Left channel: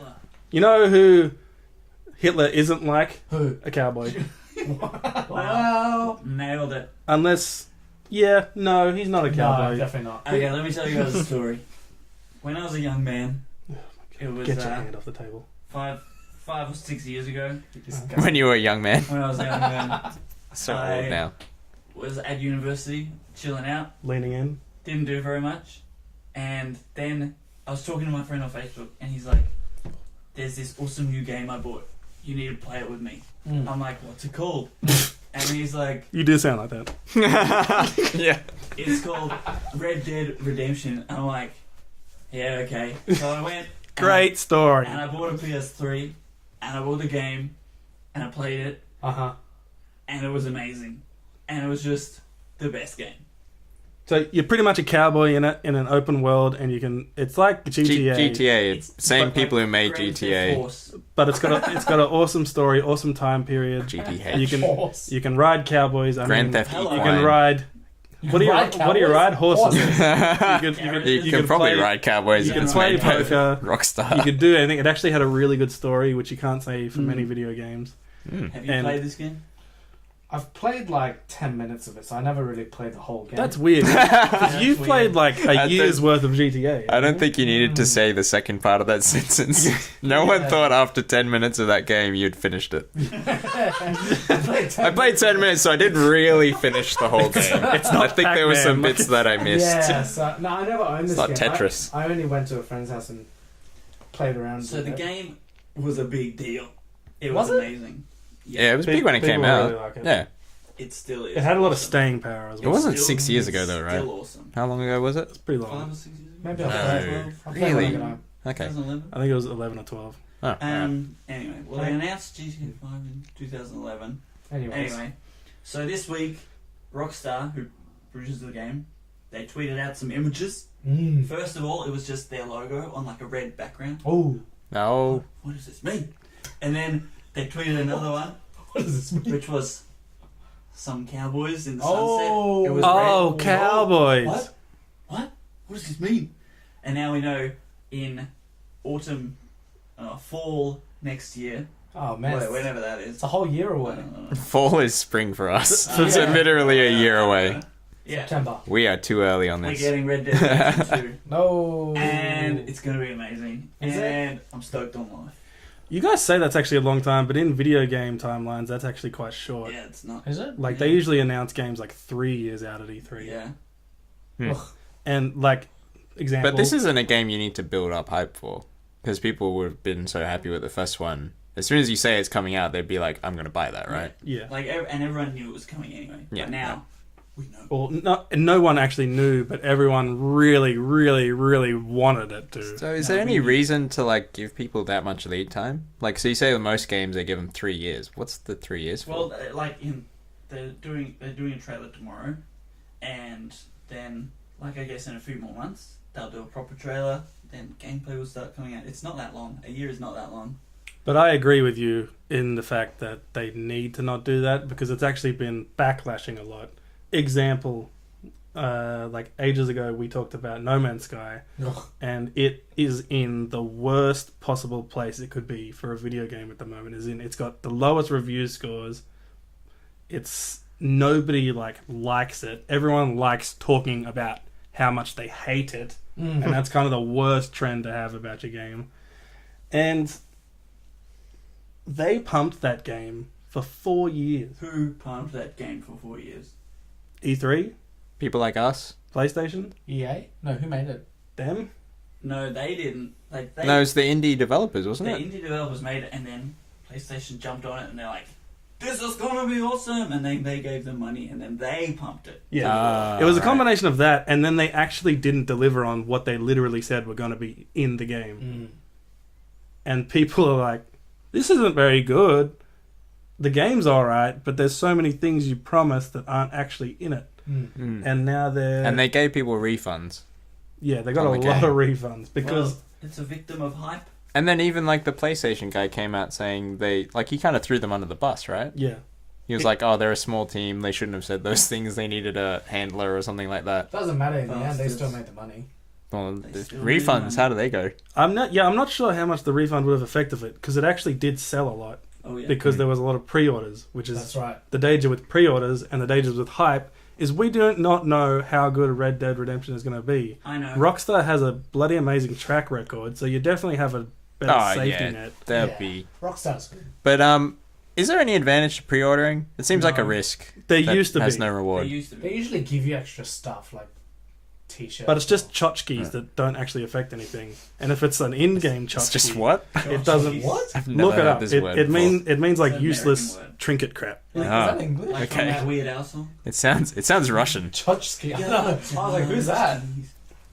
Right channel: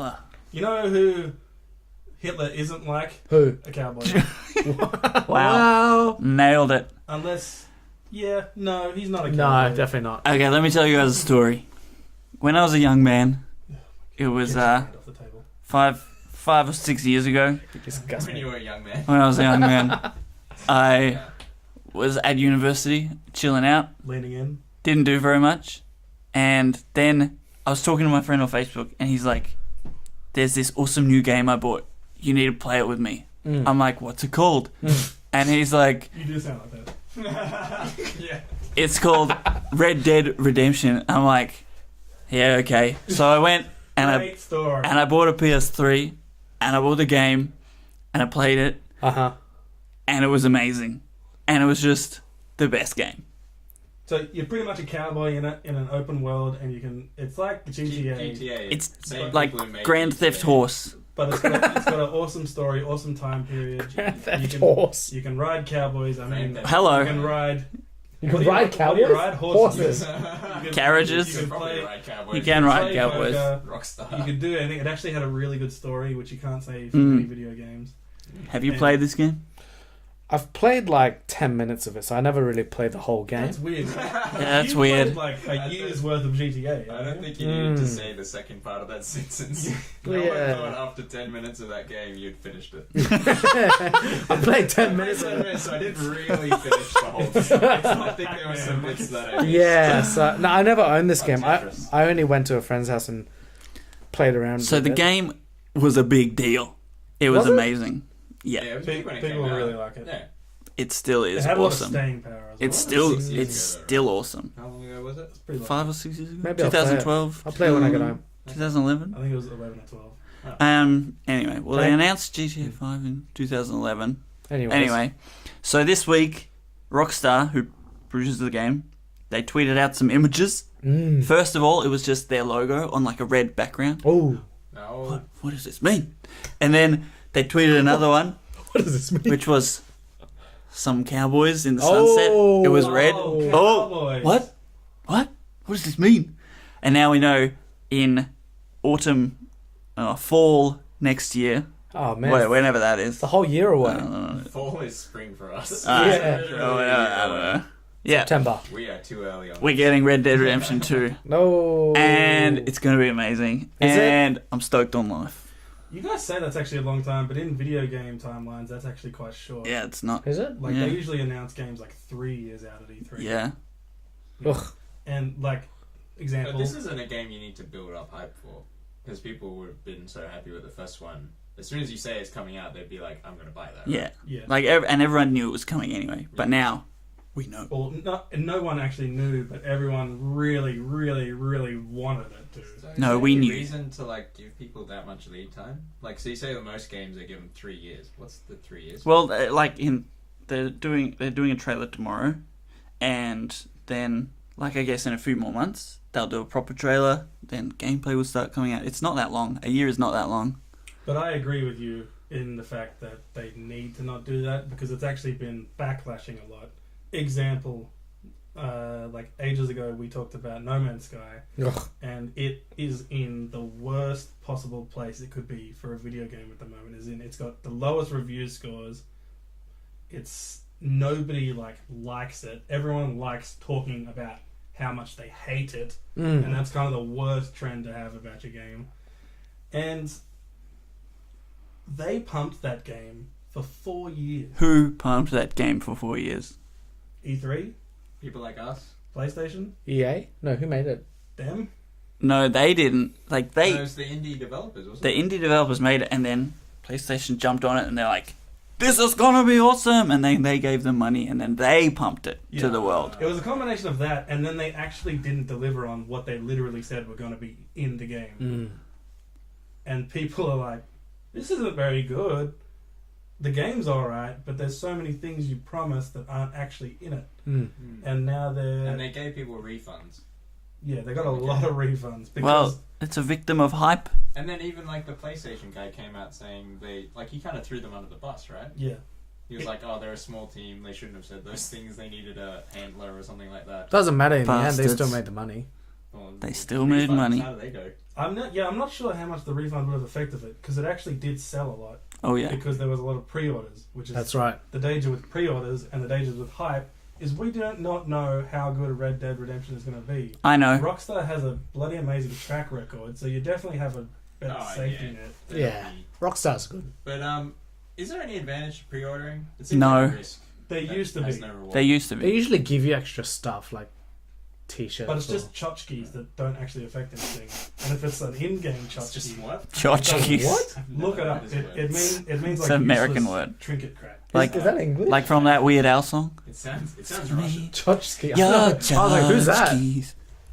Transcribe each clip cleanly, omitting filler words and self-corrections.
You know who Hitler isn't like? Who? A cowboy. Wow. Nailed it. Unless, no, he's not a No, cowboy. definitely not. Okay, let me tell you guys a story. When I was a young man, it was Get your hand off the table. 5 or 6 years ago. When you were a young man. When I was a young man, So I- old now. was at university, chilling out, Leaning in. didn't do very much, and then I was talking to my friend on Facebook, and he's like, "There's this awesome new game I bought. You need to play it with me." I'm like, "What's it called?" And he's like, You do sound like that. Yeah. "It's called Red Dead Redemption." I'm like, "Yeah, okay." So I went and Great story. I bought a PS3, and I bought the game, and I played it, Uh-huh. and it was amazing, and it was just the best game. So you're pretty much a cowboy in an open world, and you can. It's like GTA, GTA. It's same like people who made Grand GTA. Theft Horse. but it's got an awesome story, awesome time period. GTA. You can ride cowboys. I Grand mean, Theft Hello. You Auto. can ride. You What do you ride what do you cowboys? ride? Horses. Carriages. You can probably play- ride cowboys. You if can it's ride made cowboys. by You Rockstar. could do anything. It actually had a really good story, which you can't say for many video games. Have you And- played this game? I've played like 10 minutes of it, so I never really played the whole game. That's weird. That's You weird. played like I a year's think- worth of GTA. I don't think you needed to say the second part of that sentence. No one Yeah. thought after 10 minutes of that game you'd finished it. I played 10 I played 10 minutes, so I didn't really finish the whole game. I think there were some Pac-Man. bits that I missed. Yeah, so, no, I never owned this It's game. not Tetris. I only went to a friend's house and played around. So with the it. game was a big deal. It was Was it? amazing. Yeah, it was big when it came People out. really like it. Yeah. It still is. It had a lot of awesome. staying power as It well. wasn't still, 6 years it's ago, though, right? Still awesome. How long ago was it? It's pretty long. 5 or 6 years ago. Maybe I'll 2012. I'll play when I get home. Okay. 2011. I think it was 11 or 12. Anyway, well, they announced GTA 5 in 2011. Anyways. Anyway, so this week, Rockstar, who produces the game, they tweeted out some images. First of all, it was just their logo on like a red background. Oh, No. What does this mean? And then they tweeted another one, what does this mean? which was some cowboys in the sunset. It was red. Oh, cowboys. What? What does this mean? And now we know in autumn, fall next year, Oh man, whenever that is. it's a whole year away. Fall is spring for us. Ah, It's yeah. literally a year away. Yeah, September. We are too early on this. we're getting Red Dead Redemption 2. No. And it's going to be amazing. Is it? And I'm stoked on life. You guys say that's actually a long time, but in video game timelines, that's actually quite short. Yeah, it's not. Is it? Like, Yeah. they usually announce games like 3 years out at E3. Yeah. Ugh. And, like, example... But this isn't a game you need to build up hype for. Because people would have been so happy with the first one. As soon as you say it's coming out, they'd be like, I'm going to buy that, right? Yeah. Like, and everyone knew it was coming anyway. Yeah. But now, we know. Well, no one actually knew, but everyone really, really, really wanted it to. So is No, there we any knew. reason to like give people that much lead time? Like, so you say with most games they give them 3 years. What's the 3 years? For? Well, they're doing a trailer tomorrow. And then, like, I guess in a few more months, they'll do a proper trailer. Then gameplay will start coming out. It's not that long. A year is not that long. But I agree with you in the fact that they need to not do that because it's actually been backlashing a lot. Example, like ages ago we talked about No Man's Sky, Ugh. and it is in the worst possible place it could be for a video game at the moment. It's got the lowest review scores. It's nobody likes it. Everyone likes talking about how much they hate it, and that's kind of the worst trend to have about your game. And they pumped that game for 4 years. Who pumped that game for 4 years? E3, People like us? PlayStation, EA? No, who made it? them. No, they didn't. Like, No, it's the indie developers, the wasn't it? indie developers made it, and then PlayStation jumped on it, and they're like, "This is gonna be awesome!" And then they gave them money, and then they pumped it to the world. It was a right. combination of that, and then they actually didn't deliver on what they literally said were going to be in the game. And people are like, "This isn't very good. The game's alright, but there's so many things you promised that aren't actually in it." And now they're... And they gave people refunds. Yeah, they got on a the lot game. of refunds because... Well, it's a victim of hype. And then even like the PlayStation guy came out saying he kind of threw them under the bus, right? yeah. He was like, oh, they're a small team. They shouldn't have said those things. They needed a handler or something like that. Doesn't matter in the end. They Bastards. still made the money. Well, They the still made refunds. money. How do they go? I'm not sure how much the refund would have affected it because it actually did sell a lot Oh yeah. because there was a lot of pre-orders, which is That's right. the danger with pre-orders and the dangers with hype is we do not know how good Red Dead Redemption is going to be. I know. Rockstar has a bloody amazing track record, so you definitely have a better Oh, safety yeah. net. That'd Yeah. be. Rockstar's good. But is there any advantage to pre-ordering? It seems like No. a risk. There that used to has be, no reward. They used to They be. usually give you extra stuff like t-shirts. but it's just or- tchotchkes that don't actually affect anything. And if it's an in-game tchotchke, It's just what? it doesn't. What? I've never Look it heard up. this It, word. it means like It's an American useless word. trinket crap. Like, Is that English? like from Okay. that Weird Al song. It sounds Russian. Tchotchke. I was like, who's that?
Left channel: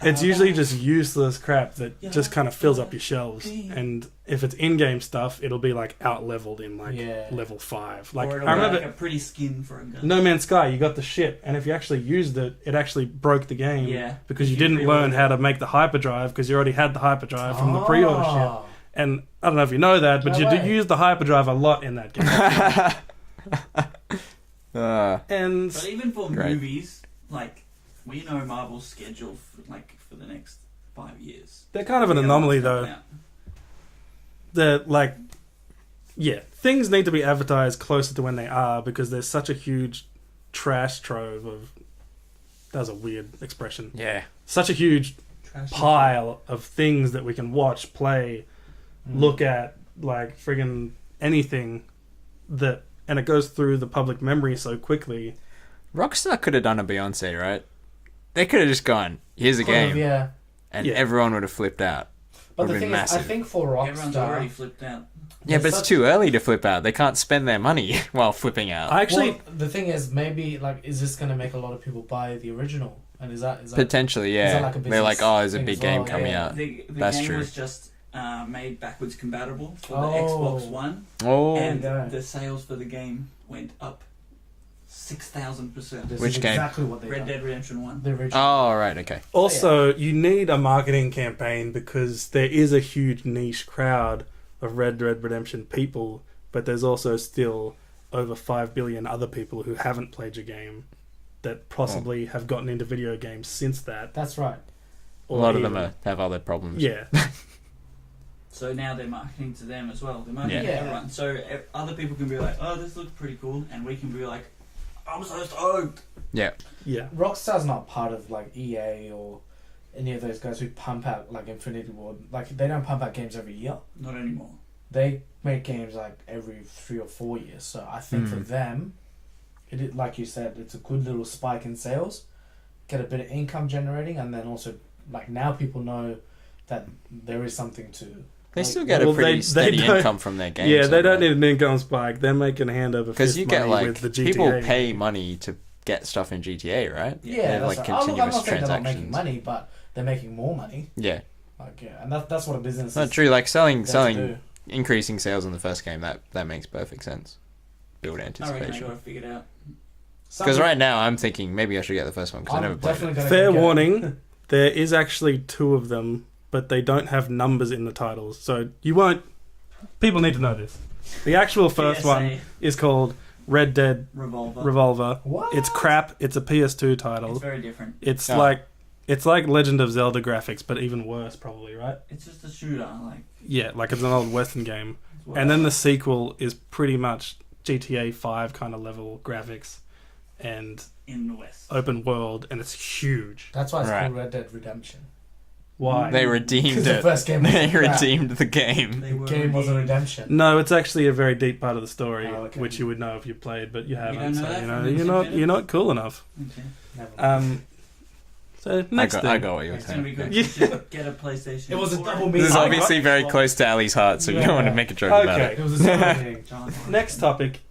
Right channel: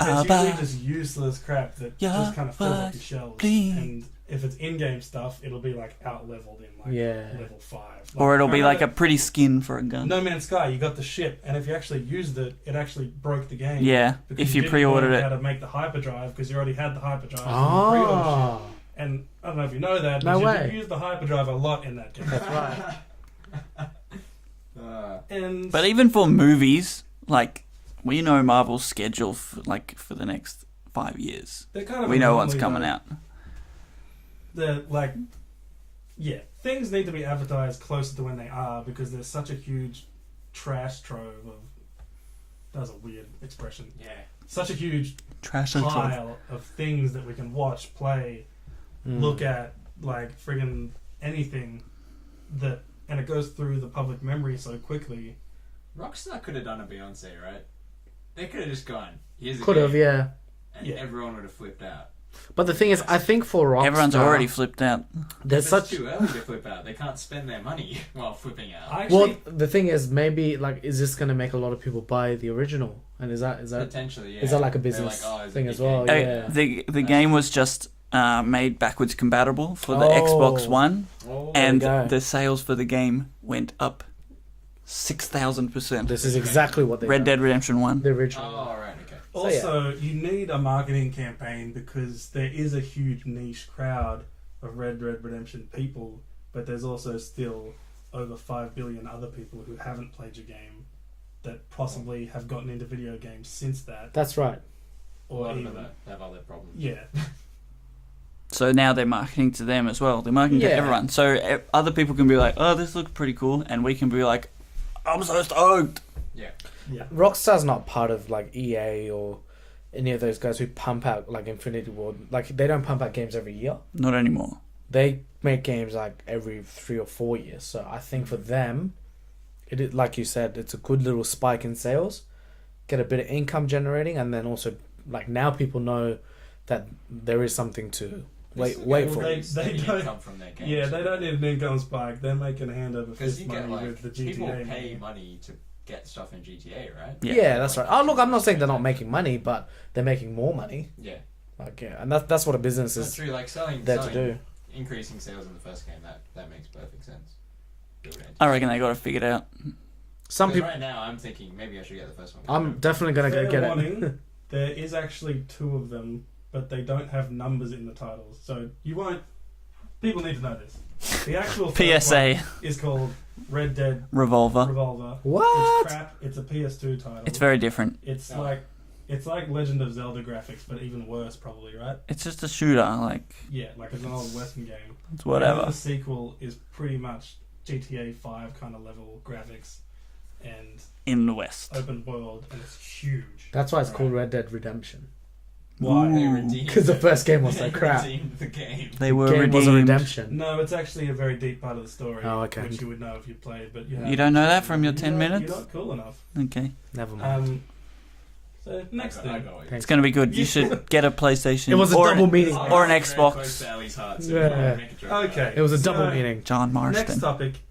It's usually just useless crap that Yeah, just kind of fills up but your shelves. please. And if it's in-game stuff, it'll be like out-leveled in like Yeah. level 5. Or it'll I be remember like a pretty skin for a gun. No Man's Sky. You got the shit, and if you actually used it, it actually broke the game. Yeah. because if you didn't pre-ordered learn it. how to make the hyperdrive because you already had the hyperdrive from the pre-order shit. Oh. And I don't know if you know that, but No you way. did use the hyperdrive a lot in that game. And But even for movies, like we know Marvel's schedule for the next 5 years. they're kind of We an know anomaly what's coming though. out. They're like, yeah, things need to be advertised closer to when they are because there's such a huge trash trove of. That was a weird expression. Yeah. Such a huge Trash pile of things that we can watch, play, Mm. look at, like friggin' anything that, and it goes through the public memory so quickly. Rockstar could have done a Beyonce, right? They could have just gone, here's a Could've, game, yeah. and Yeah. everyone would have flipped out. But the Would've thing been is, I massive. think for Rockstar... Everyone's already flipped out. Yeah, there's but it's such- too early to flip out. They can't spend their money while flipping out. I actually, Well, the thing is, maybe, like, is this going to make a lot of people buy the original? And is that Potentially, yeah. that like a They're business like, oh, there's a thing big as game well? coming Yeah. out. The That's game true. was just made backwards compatible for the Oh. Xbox One, Oh, and go. the sales for the game went up 6,000%. This Which is game? exactly what they Red Dead Redemption 1. The original. oh, right, okay. also, you need a marketing campaign because there is a huge niche crowd of Red Dead Redemption people, but there's also still over 5 billion other people who haven't played your game that possibly have gotten into video games since that. That's right. A lot of even- them have other problems. Yeah. So now they're marketing to them as well. They're marketing Yeah. to everyone. So other people can be like, oh, this looks pretty cool. And we can be like, I'm so stoked. Yeah. Yeah. Rockstar's not part of, like, EA or any of those guys who pump out, like, Infinity Ward. Like, they don't pump out games every year. Not anymore. They make games, like, every 3 or 4 years. So I think for them, like you said, it's a good little spike in sales. Get a bit of income generating, and then also, like, now people know that there is something to... They like, still get well, a pretty they steady don't- income from their games. Yeah, they don't need an income spike. They're making hand over Because fist you get, money like, with the GTA. people pay money to get stuff in GTA, right? Yeah. Yeah, that's like right. Oh, look, I'm not continuous saying they're not making transactions. money, but they're making more money. Yeah. Like, yeah, and that's what a business It's not is true. Like, there to do. increasing sales in the first game, that makes perfect sense. Build anticipation. I reckon they got it figured out. Because right now I'm thinking maybe I should get the first one. 'Cause I never I'm played definitely it. going to Fair get it. warning, there is actually 2 of them, but they don't have numbers in the titles. So you won't... People need to know this. The actual first PSA one is called Red Dead Revolver. Revolver. What? It's crap. It's a PS2 title. It's very different. It's Oh. like Legend of Zelda graphics, but even worse, probably, right? It's just a shooter. Like, Yeah, like it's an old Western game. it's whatever. And then the sequel is pretty much GTA 5 kind of level graphics and in the West. open world, and it's huge. That's why it's Right. called Red Dead Redemption. Why? They Ooh. redeemed Because the it. first game was They crap. redeemed the game. They were Game was a redeemed. redemption. No, it's actually a very deep part of the story, Oh, okay. which you would know if you played, but you haven't. don't know so, that from your 10 minutes? You're not cool enough. Okay. Never mind. So next I thing. got what you were It's going to be good. You should get a PlayStation. It was a or double meeting. This is or obviously an very Xbox. close to Ali's heart, so we Yeah. don't want to make a joke about Okay. it. It was a double meeting. John Marston. Next topic